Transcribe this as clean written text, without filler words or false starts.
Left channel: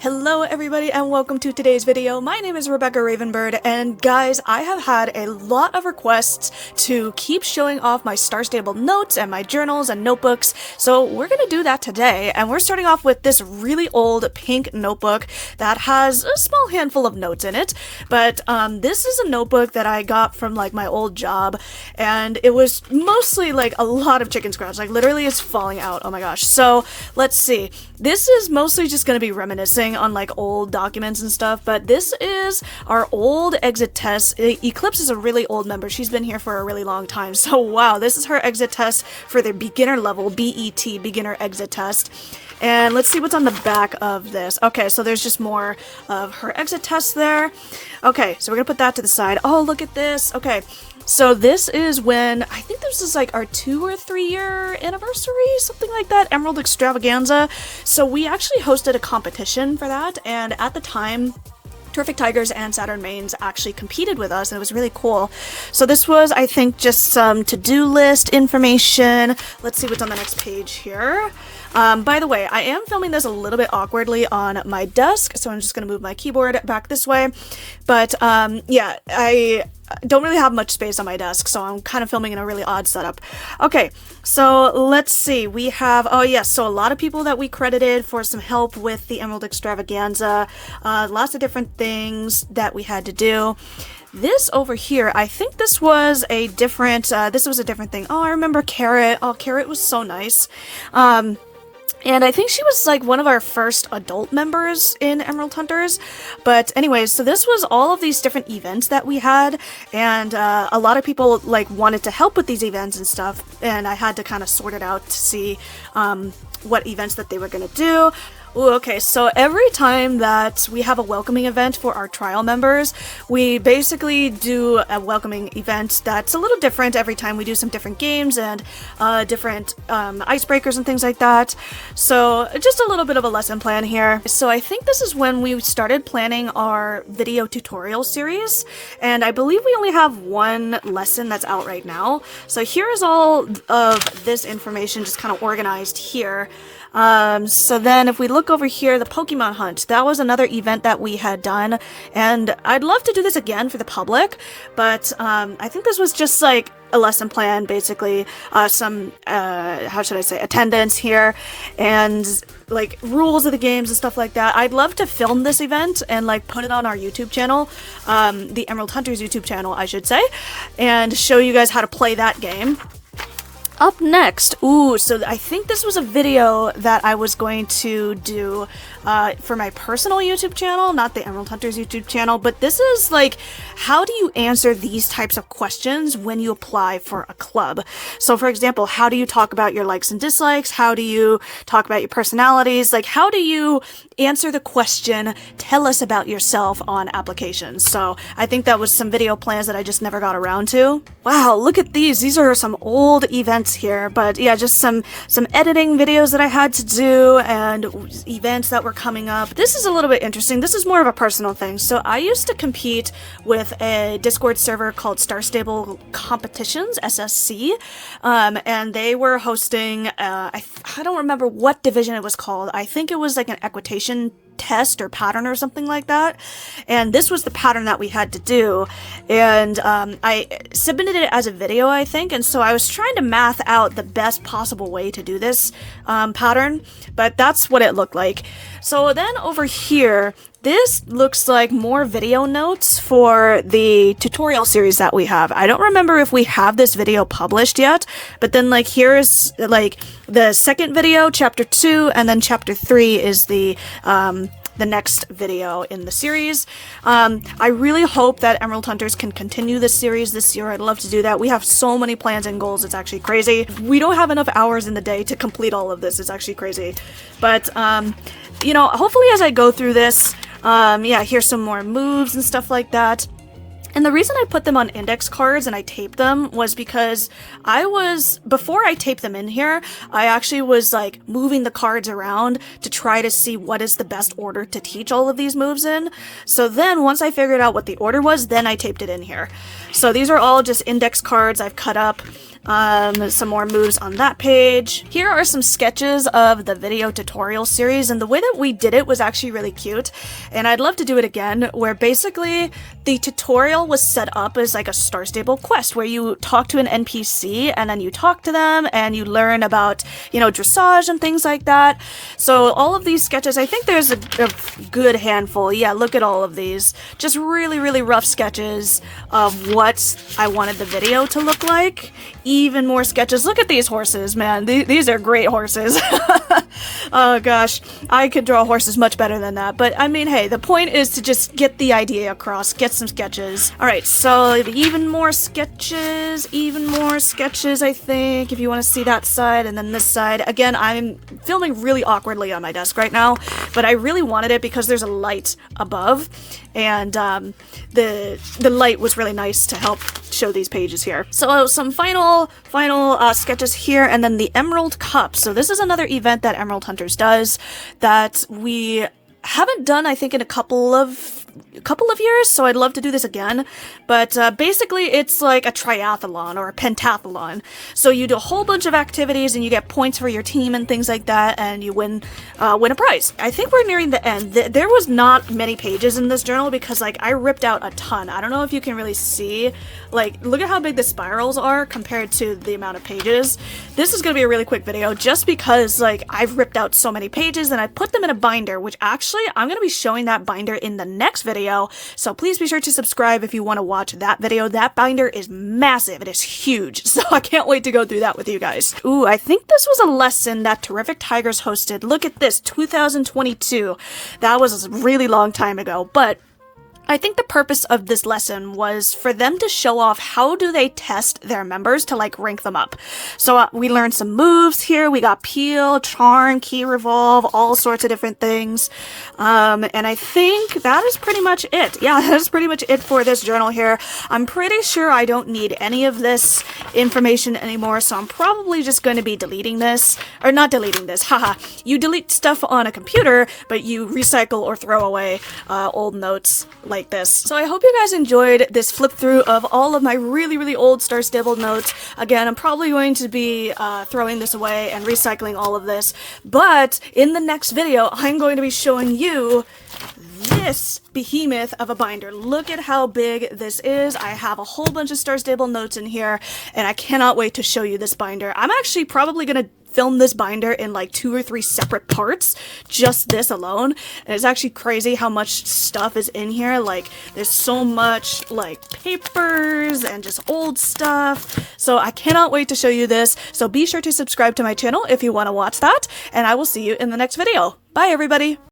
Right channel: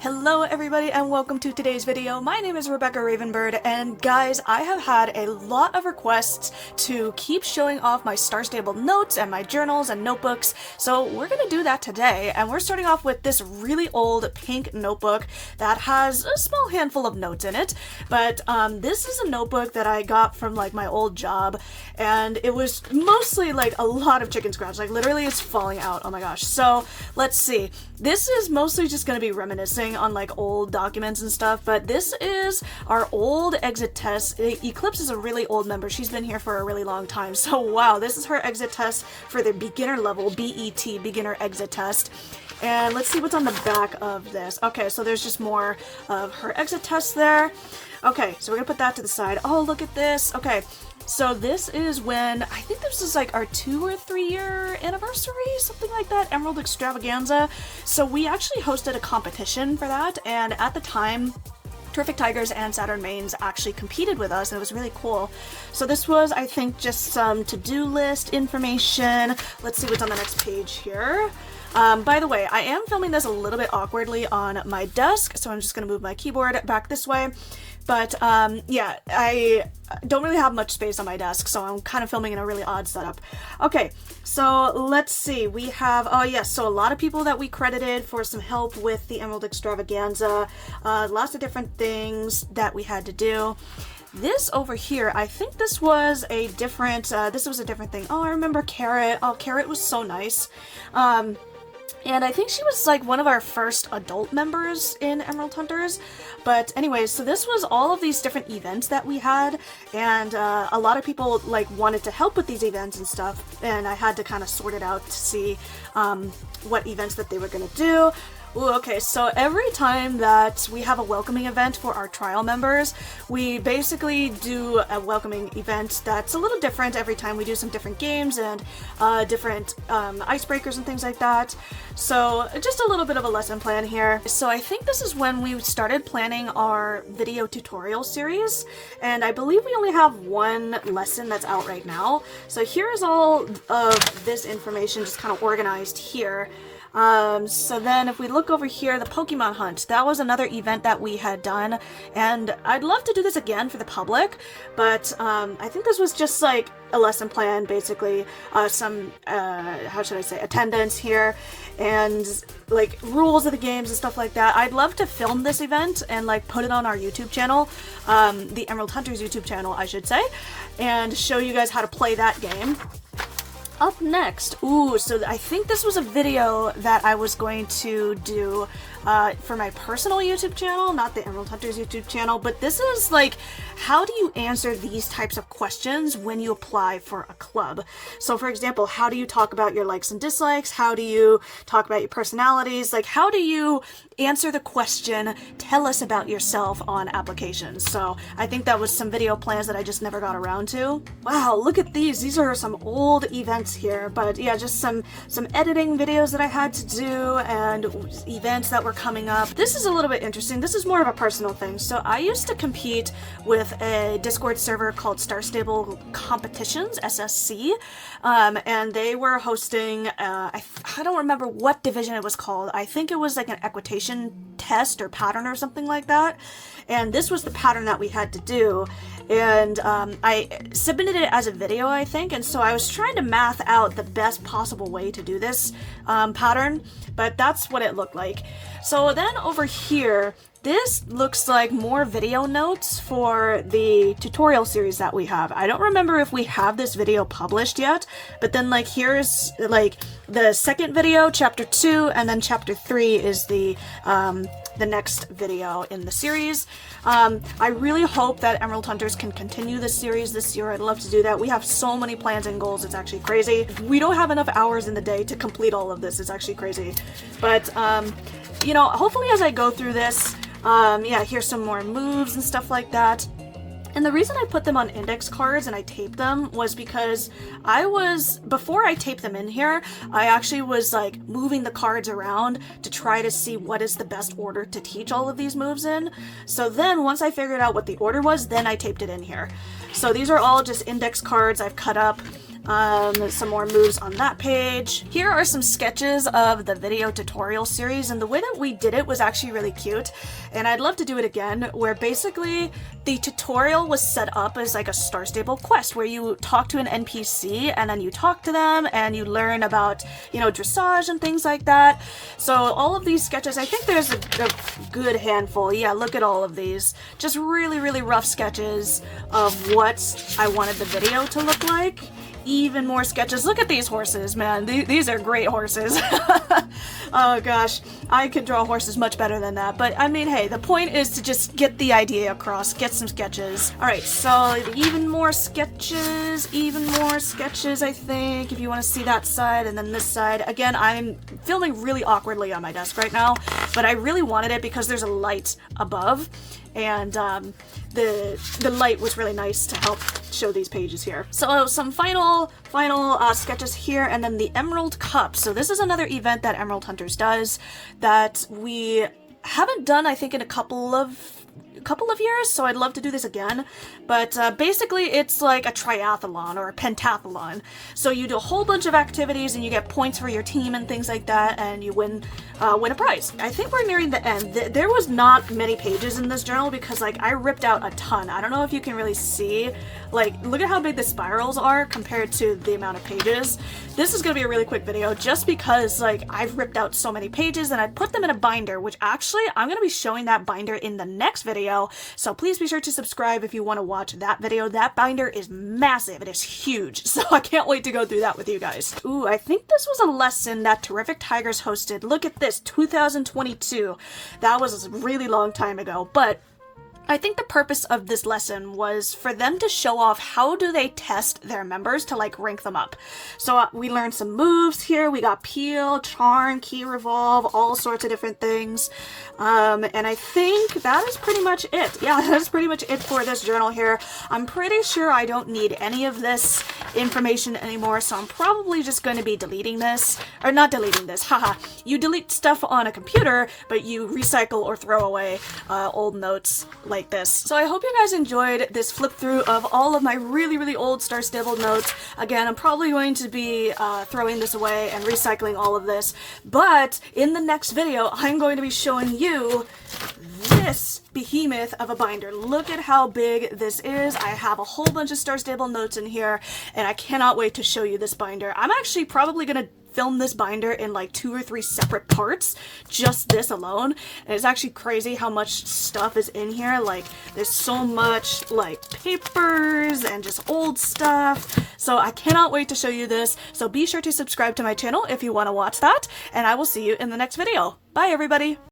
Hello everybody and welcome to today's video. My name is Rebecca Ravenbird, and guys, I have had a lot of requests to keep showing off my star-stable notes and my journals and notebooks, so we're gonna do that today. And we're starting off with this really old pink notebook that has a small handful of notes in it, but this is a notebook that I got from like my old job, and it was mostly like a lot of chicken scratch, like literally it's falling out. Oh my gosh. So let's see, this is mostly just gonna be reminiscing on like old documents and stuff, but this is our old exit test. Eclipse is a really old member. She's been here for a really long time, so wow, this is her exit test for the beginner level, BET, beginner exit test. And let's see what's on the back of this. Okay, so there's just more of her exit test there. Okay, so we're gonna put that to the side. Oh, look at this. Okay, so this is when, I think this is like our 2 or 3 year anniversary, something like that, Emerald Extravaganza. So we actually hosted a competition for that, and at the time, Terrific Tigers and Saturn Mains actually competed with us, and it was really cool. So this was, I think, just some to-do list information. Let's see what's on the next page here. By the way, I am filming this a little bit awkwardly on my desk, so I'm just going to move my keyboard back this way. But yeah, I don't really have much space on my desk, so I'm kind of filming in a really odd setup. Okay, so let's see. We have, oh yes, so a lot of people that we credited for some help with the Emerald Extravaganza. Lots of different things that we had to do. This over here, I think this was a different thing. Oh, I remember Carrot. Oh, Carrot was so nice. And I think she was like one of our first adult members in Emerald Hunters. But anyways, so this was all of these different events that we had, and a lot of people like wanted to help with these events and stuff, and I had to kind of sort it out to see what events that they were going to do. Ooh, okay, so every time that we have a welcoming event for our trial members, we basically do a welcoming event that's a little different every time. We do some different games and different icebreakers and things like that. So just a little bit of a lesson plan here. So I think this is when we started planning our video tutorial series, and I believe we only have one lesson that's out right now. So here is all of this information just kind of organized here. So then if we look over here, the Pokemon Hunt, that was another event that we had done, and I'd love to do this again for the public, but I think this was just like a lesson plan, basically, some, how should I say, attendance here, and like rules of the games and stuff like that. I'd love to film this event and like put it on our YouTube channel, the Emerald Hunters YouTube channel, I should say, and show you guys how to play that game. Up next, ooh, so I think this was a video that I was going to do for my personal YouTube channel, not the Emerald Hunters YouTube channel, but this is like, how do you answer these types of questions when you apply for a club? So for example, how do you talk about your likes and dislikes? How do you talk about your personalities? Like, how do you answer the question, tell us about yourself, on applications? So I think that was some video plans that I just never got around to. Wow, look at these. These are some old events here, but yeah, just some editing videos that I had to do and events that were coming up. This is a little bit interesting. This is more of a personal thing. So I used to compete with a Discord server called Star Stable Competitions, SSC, and they were hosting, I don't remember what division it was called. I think it was like an equitation test or pattern or something like that, and this was the pattern that we had to do, and I submitted it as a video, I think, and so I was trying to math out the best possible way to do this pattern, but that's what it looked like. So then over here, this looks like more video notes for the tutorial series that we have. I don't remember if we have this video published yet, but then like here's like the second video, chapter 2, and then chapter 3 is the next video in the series. I really hope that Emerald Hunters can continue this series this year. I'd love to do that. We have so many plans and goals, it's actually crazy. We don't have enough hours in the day to complete all of this. It's actually crazy. But, you know, hopefully as I go through this, yeah, here's some more moves and stuff like that. And the reason I put them on index cards and I taped them was because before I taped them in here, I actually was like moving the cards around to try to see what is the best order to teach all of these moves in. So then once I figured out what the order was, then I taped it in here. So these are all just index cards I've cut up. Some more moves on that page. Here are some sketches of the video tutorial series, and the way that we did it was actually really cute, and I'd love to do it again, where basically the tutorial was set up as like a Star Stable quest where you talk to an NPC and then you talk to them and you learn about, you know, dressage and things like that. So all of these sketches, I think there's a good handful. Yeah, look at all of these. Just really rough sketches of what I wanted the video to look like. Even more sketches. Look at these horses, man. These are great horses. Oh gosh, I could draw horses much better than that. But I mean, hey, the point is to just get the idea across, get some sketches. Alright, so even more sketches, I think, if you want to see that side, and then this side. Again, I'm filming really awkwardly on my desk right now, but I really wanted it because there's a light above, and the light was really nice to help show these pages here. So some final sketches here, and then the Emerald Cup. So this is another event that Emerald Hunters does that we haven't done, I think, in a couple of years, so I'd love to do this again. But basically it's like a triathlon or a pentathlon. So you do a whole bunch of activities and you get points for your team and things like that, and you win a prize. I think we're nearing the end. There was not many pages in this journal because like I ripped out a ton. I don't know if you can really see, like, look at how big the spirals are compared to the amount of pages. This is gonna be a really quick video just because like I've ripped out so many pages and I put them in a binder, which actually I'm gonna be showing that binder in the next video, so please be sure to subscribe if you want to watch that video. That binder is massive. It is huge, so I can't wait to go through that with you guys. Ooh, I think this was a lesson that Terrific Tigers hosted. Look at this, 2022. That was a really long time ago, but I think the purpose of this lesson was for them to show off how do they test their members to like rank them up. So we learned some moves here. We got peel, charm, key revolve, all sorts of different things. And I think that is pretty much it. Yeah, that's pretty much it for this journal here. I'm pretty sure I don't need any of this information anymore, so I'm probably just going to be deleting this. Or not deleting this, haha. You delete stuff on a computer, but you recycle or throw away old notes like this. So I hope you guys enjoyed this flip through of all of my really old Star Stable notes. Again, I'm probably going to be throwing this away and recycling all of this, but in the next video I'm going to be showing you this behemoth of a binder. Look at how big this is. I have a whole bunch of Star Stable notes in here and I cannot wait to show you this binder. I'm actually probably gonna film this binder in like 2 or 3 separate parts, just this alone. And it's actually crazy how much stuff is in here. Like, there's so much like papers and just old stuff. So I cannot wait to show you this. So be sure to subscribe to my channel if you want to watch that, and I will see you in the next video. Bye everybody!